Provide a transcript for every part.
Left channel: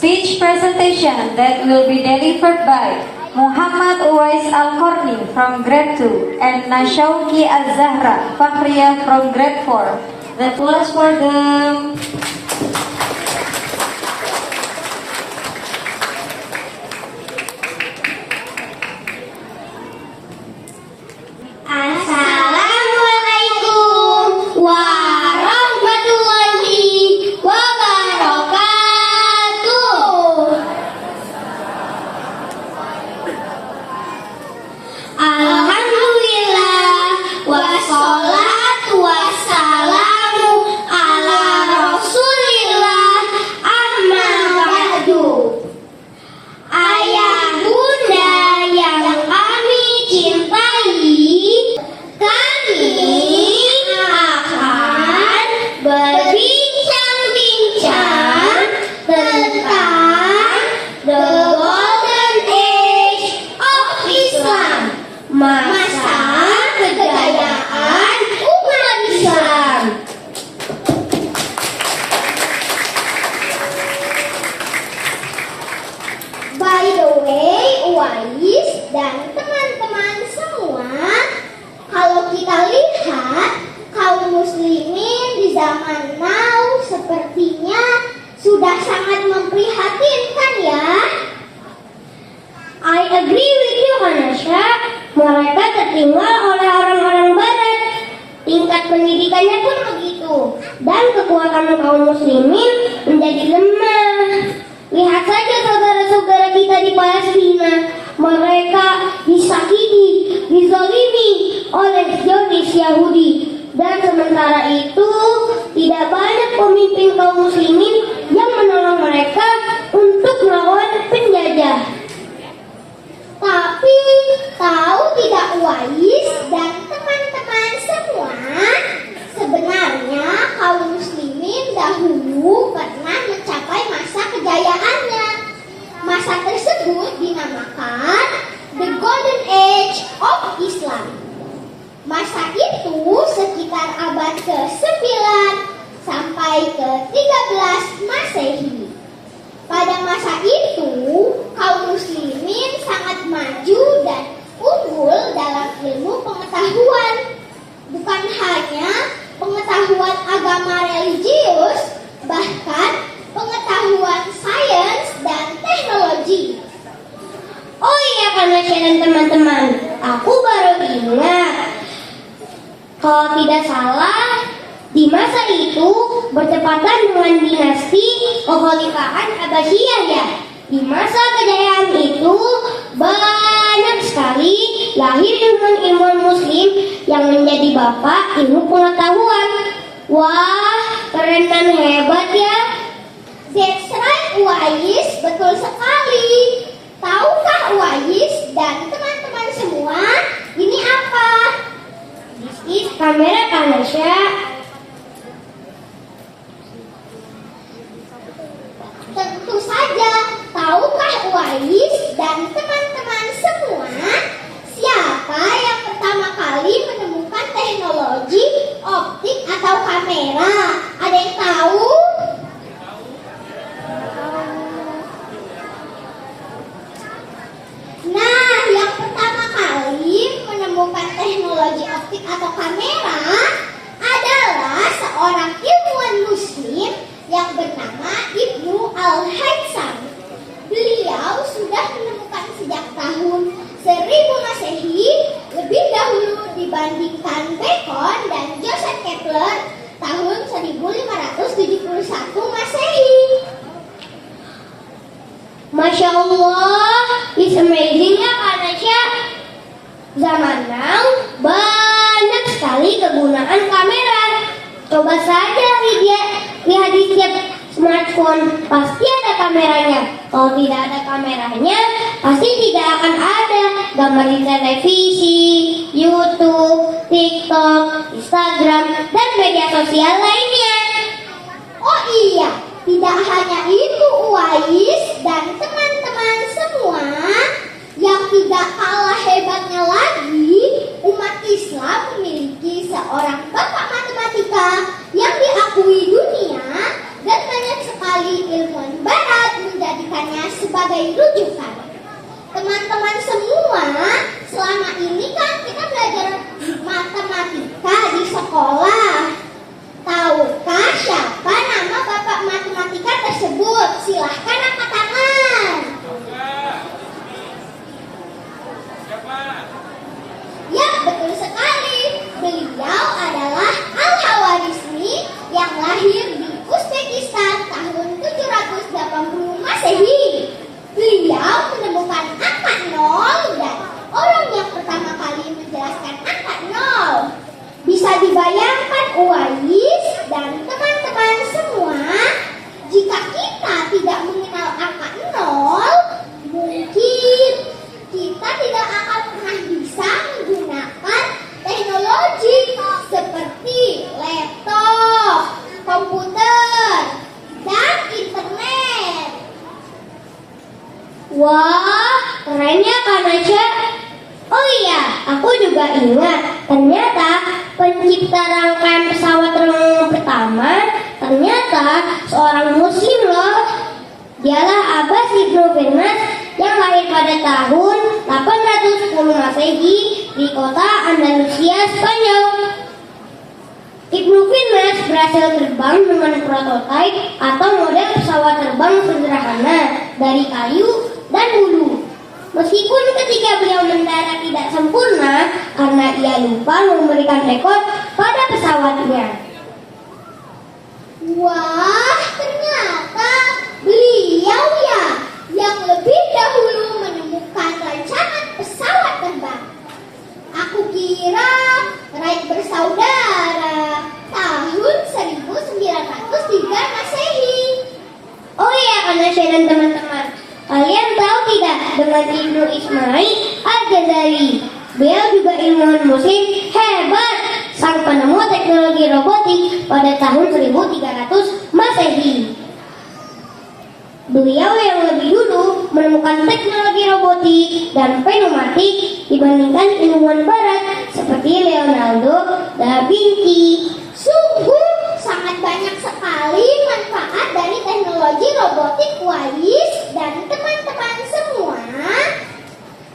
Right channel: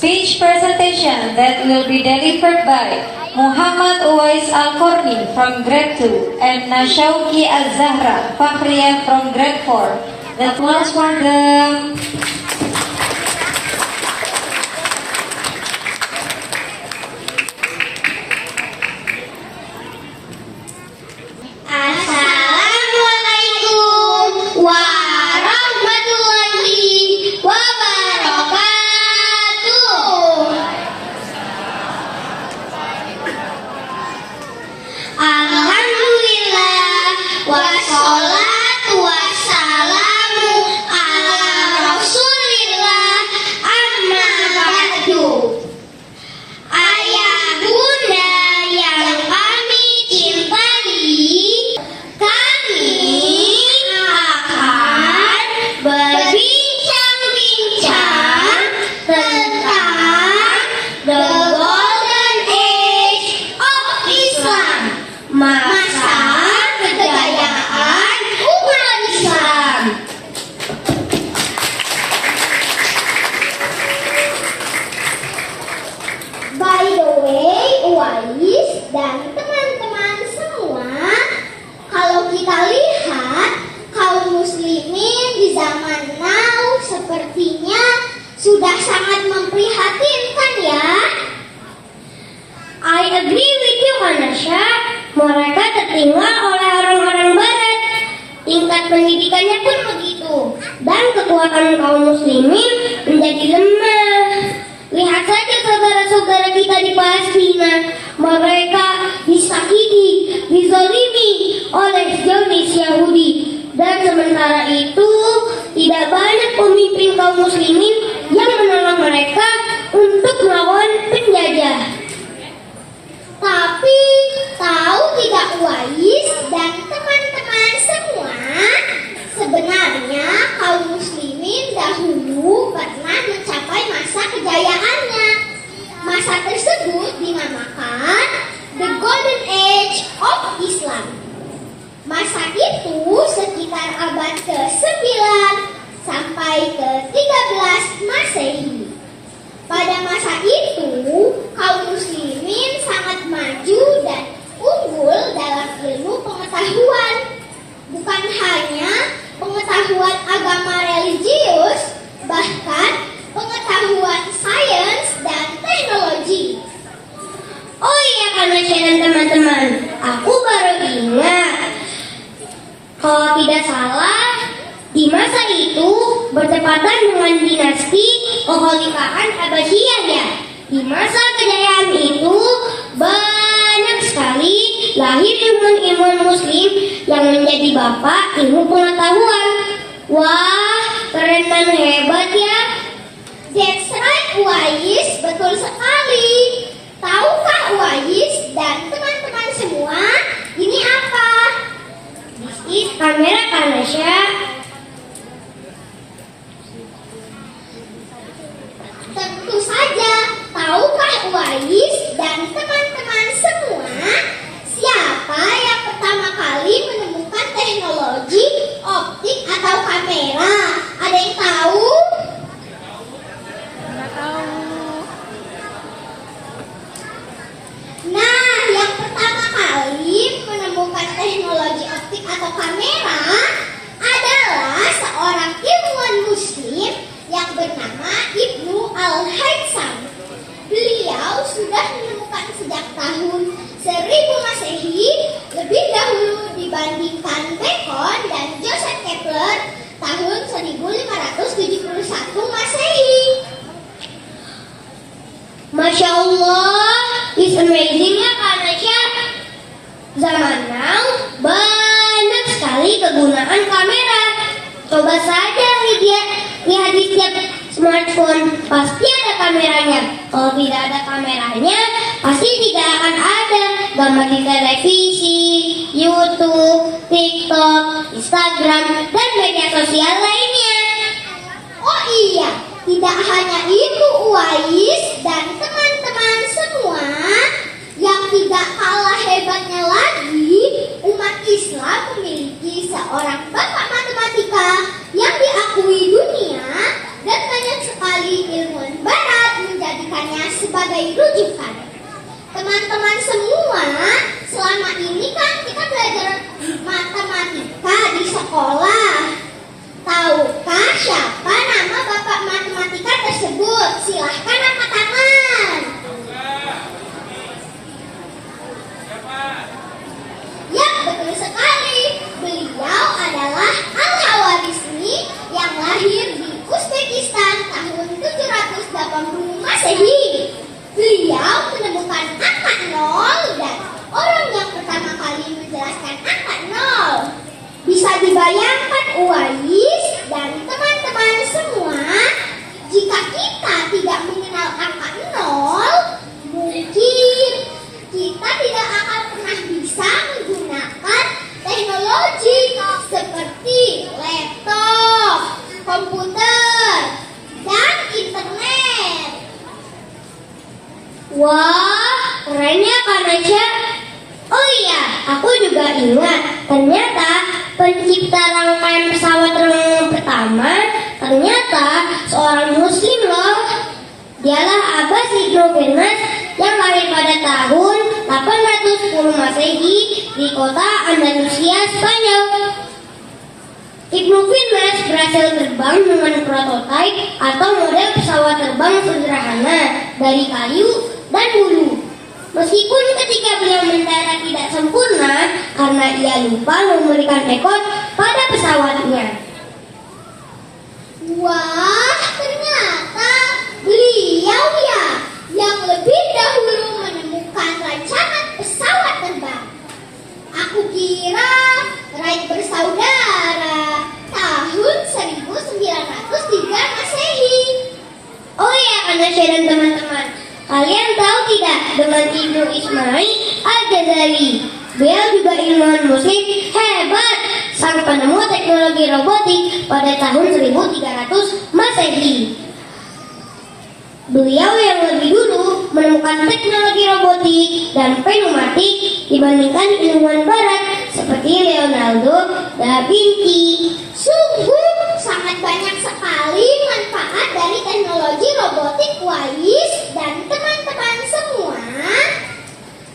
speech presentation that will be delivered by Muhammad Uwais Al-Korni from grade 2 and Nashauki Az-Zahra Fakhriya from grade 4. The applause for them. Assalamualaikum warahmatullahi wabarakatuh. Alhamdulillah wassalatu wassalamu ala Rasulillah amma ba'du. Ayah bunda yang kami cintai, kami akan berbincang-bincang tentang the golden age of Islam, masa kejayaan umat Islam. By the way, Uwais dan teman-teman semua, kalau kita lihat kaum muslimin di zaman now sepertinya sudah sangat memprihatinkan ya. I agree with you, Hanasha. Mereka tertinggal oleh orang-orang barat. Tingkat pendidikannya pun begitu. Dan kekuatan kaum muslimin menjadi lemah. Lihat saja saudara-saudara kita di Palestina. Mereka disakiti, dizalimi oleh Zionis Yahudi. Dan sementara itu, tidak banyak pemimpin kaum muslimin yang menolong mereka untuk melawan penjajah. Tapi, tahu tidak Uwais dan teman-teman semua, sebenarnya kaum muslimin dahulu pernah mencapai masa kejayaannya. Masa tersebut dinamakan The Golden Age of Islam. Masa itu sekitar abad ke-9 sampai ke-13 Masehi. Pada masa itu, kaum muslimin sangat maju dan unggul dalam ilmu pengetahuan. Bukan hanya pengetahuan agama religius, bahkan pengetahuan sains dan teknologi. Oh iya, karena dan teman-teman, aku baru ingat. Kalau tidak salah, di masa itu bertepatan dengan dinasti kekhalifahan Abbasiyah ya. Di masa kejayaan itu banyak sekali lahir ilmuwan muslim yang menjadi bapak ilmu pengetahuan. Wah, keren dan hebat ya. That's right, Uwais, betul sekali. Tahukah Uwais dan teman-teman semua, ini apa? This is kamera Kanasha. Tentu saja, tahukah Uwais dan teman-teman semua siapa yang pertama kali menemukan teknologi optik atau kamera? Ada yang tahu? Nah, yang pertama kali menemukan teknologi optik atau kamera adalah seorang ilmuwan muslim yang bernama Ibnu Al-Haytham. Beliau sudah menemukan sejak tahun 1000 Masehi, lebih dahulu dibandingkan Bacon dan Joseph Kepler tahun 1571 Masehi. Masya Allah, it's amazing ya Kanasha. Zaman now banyak sekali kegunaan kamera. Coba saja lihat di setiap smartphone, pasti ada kameranya. Kalau tidak ada kameranya, pasti tidak akan ada gambar di televisi, YouTube, TikTok, Instagram, dan media sosial lainnya. Oh iya, tidak hanya itu Uwais dan teman-teman semua, yang tidak kalah hebatnya lagi, umat Islam memiliki seorang bapak matematika yang diakui dunia, dan banyak sekali ilmuwan barat menjadi sebagai rujukan. Teman-teman semua, selama ini kan kita belajar matematika di sekolah. Tahukah siapa nama bapak matematika tersebut? Silahkan angkat tangan. Ya, betul sekali. Beliau adalah Al-Khawarizmi yang lahir di Uzbekistan tahun 780 Masehi. Beliau menemukan angka 0 dan orang yang pertama kali menjelaskan angka 0. Bisa dibayangkan Uwais dan teman-teman semua, jika kita tidak mengenal angka 0, mungkin kita tidak akan pernah bisa menggunakan teknologi seperti laptop, komputer, dan internet. Wah, kerennya Kak Nasya. Oh iya, aku juga ingat, ternyata pencipta rangkaian pesawat terbang pertama ternyata seorang muslim loh. Dialah Abbas Ibnu Firnas yang lahir pada tahun 810 Masehi di kota Andalusia, Spanyol. Ibnu Firnas berhasil terbang dengan prototipe atau model pesawat terbang sederhana dari kayu dan bulu. Meskipun ketika beliau mendarat tidak sempurna karena ia lupa memberikan rekor pada pesawatnya. Wah, ternyata beliau ya yang lebih dahulu menemukan rancangan pesawat terbang. Aku kira Wright bersaudara tahun 1903 Masehi. Oh iya, karena saya dan teman-teman, kalian tahu tidak dengan Ibnu Ismail Al-Ghazali? Beliau juga ilmuwan muslim hebat, sang penemu teknologi robotik pada tahun 1300 Masehi. Beliau yang lebih dulu menemukan teknologi robotik dan pneumatik dibandingkan ilmuwan barat seperti Leonardo da Vinci. Sungguh sangat banyak sekali manfaat dari teknologi robotik Uwais dan teman-teman semua.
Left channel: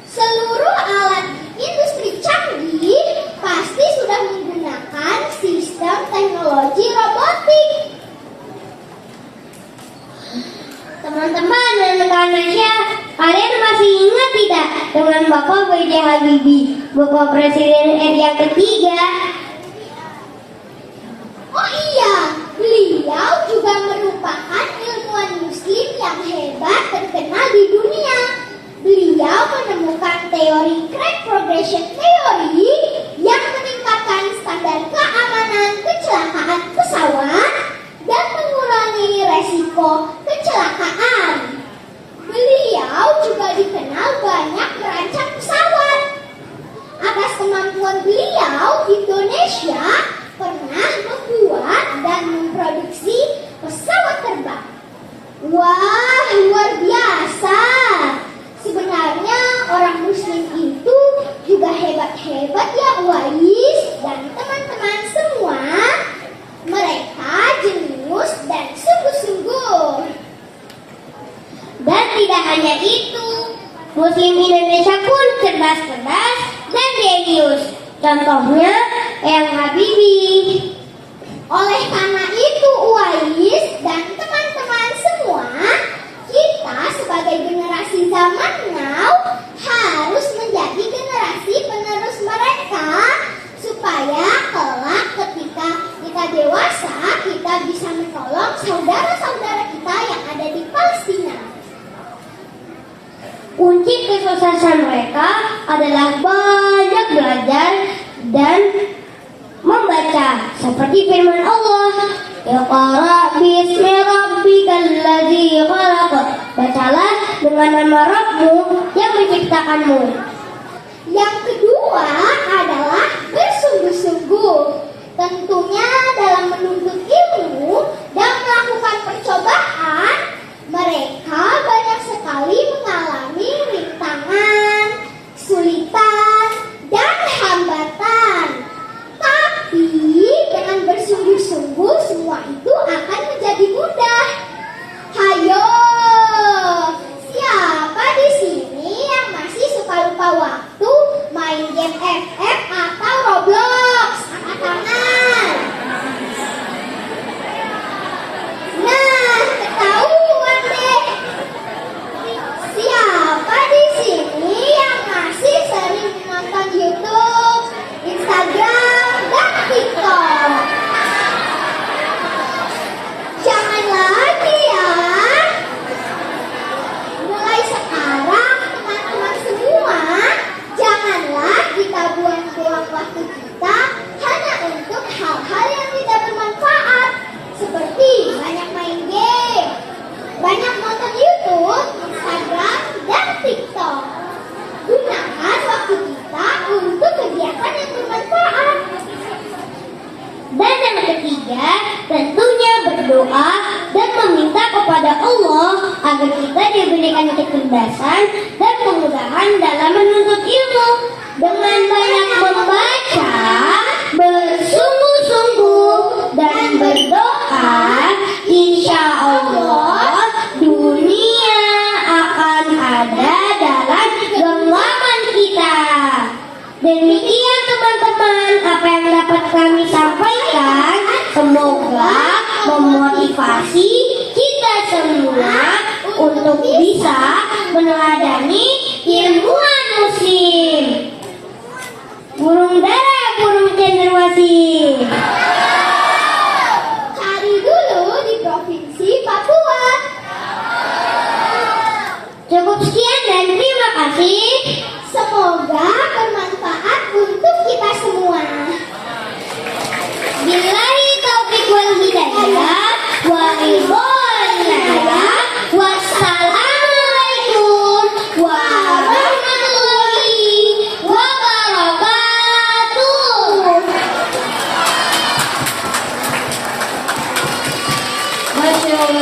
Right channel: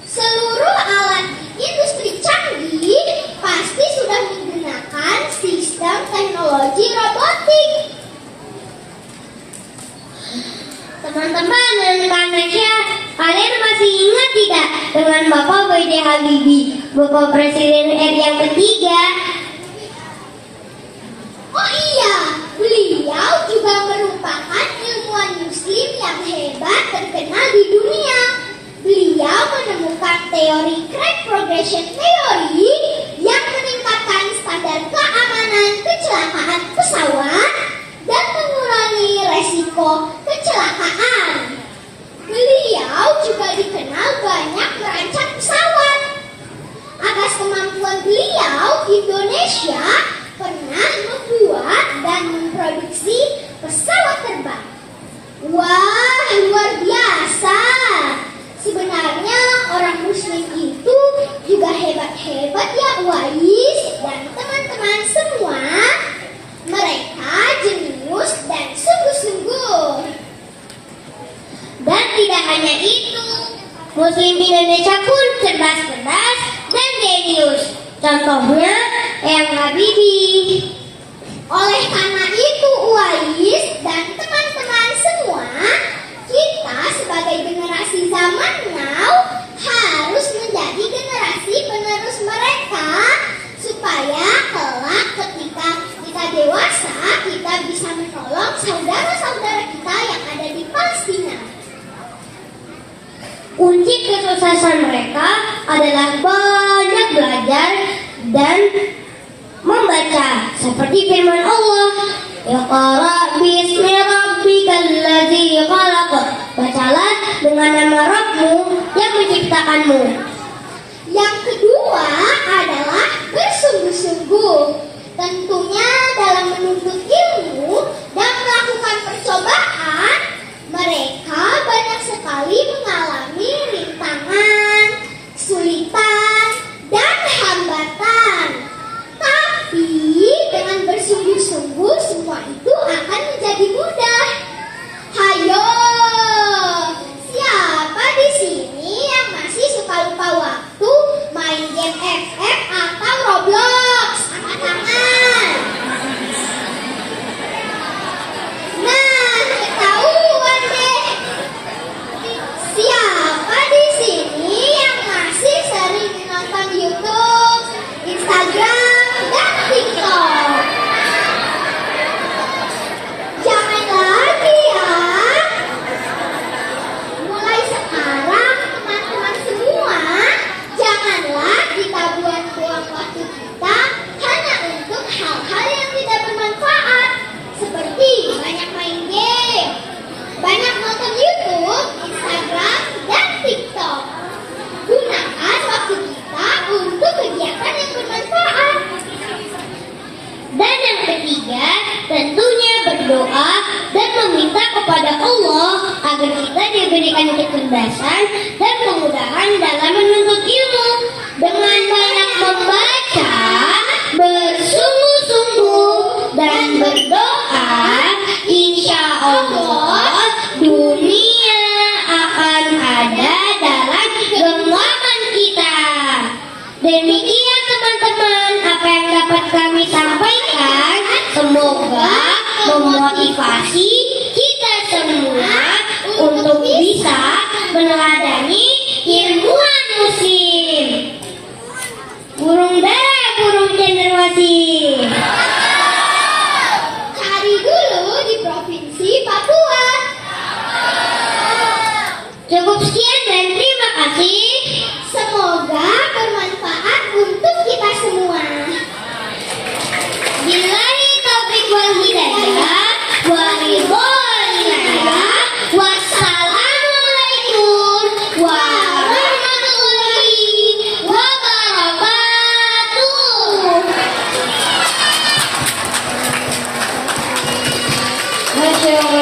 Seluruh alat industri canggih pasti sudah menggunakan sistem teknologi robotik. Teman-teman dan rekan-rekan, kalian masih ingat tidak dengan Bapak B.J. Habibie, Bapak Presiden RI yang ketiga? Oh iya, beliau juga merupakan ilmuwan muslim yang hebat terkenal di dunia. Beliau menemukan teori Crash Progression Theory yang meningkatkan standar keamanan kecelakaan pesawat dan mengurangi resiko kecelakaan. Beliau juga dikenal banyak merancang pesawat. Atas kemampuan beliau, Indonesia pernah membuat dan memproduksi pesawat terbang. Wah, luar biasa. Sebenarnya orang muslim itu juga hebat-hebat ya Uwais dan teman-teman semua. Mereka jenius dan sungguh-sungguh. Dan tidak hanya itu, muslim Indonesia pun cerdas-cerdas dan jenius. Contohnya Eyang Habibie. Oleh karena itu Uwais dan teman-teman semua, kita sebagai generasi zaman now harus menjadi generasi penerus mereka supaya kelak ketika kita dewasa kita bisa menolong saudara-saudara kita yang ada di Palestina. Kunci kesuksesan mereka adalah banyak belajar dan membaca seperti firman Allah, Iqra bismi rabbikal ladzi khalaq. Bacalah dengan nama Rabbmu yang menciptakanmu. Yang kedua adalah bersungguh-sungguh. Tentunya dalam menuntut ilmu dan melakukan percobaan, mereka banyak sekali mengalami rintangan, kesulitan, dan hambatan. Tapi dengan bersungguh-sungguh semua itu akan menjadi mudah. Hayo, siapa diberikan kecerdasan dan kemudahan dalam menuntut ilmu. Dengan banyak membaca, bersungguh-sungguh, dan berdoa, insya Allah dunia akan ada dalam genggaman kita. Demikian teman-teman apa yang dapat kami sampaikan. Semoga memotivasi kita semua untuk bisa meneladani ilmuwan musim. Burung dara, burung cenderawasih. Cari dulu di Provinsi Papua. Cukup sekian dan terima kasih. Semoga bermanfaat untuk kita semua. Billahi taufiq wal hidayah. Wassalamualaikum warahmatullahi wabarakatuh. Masya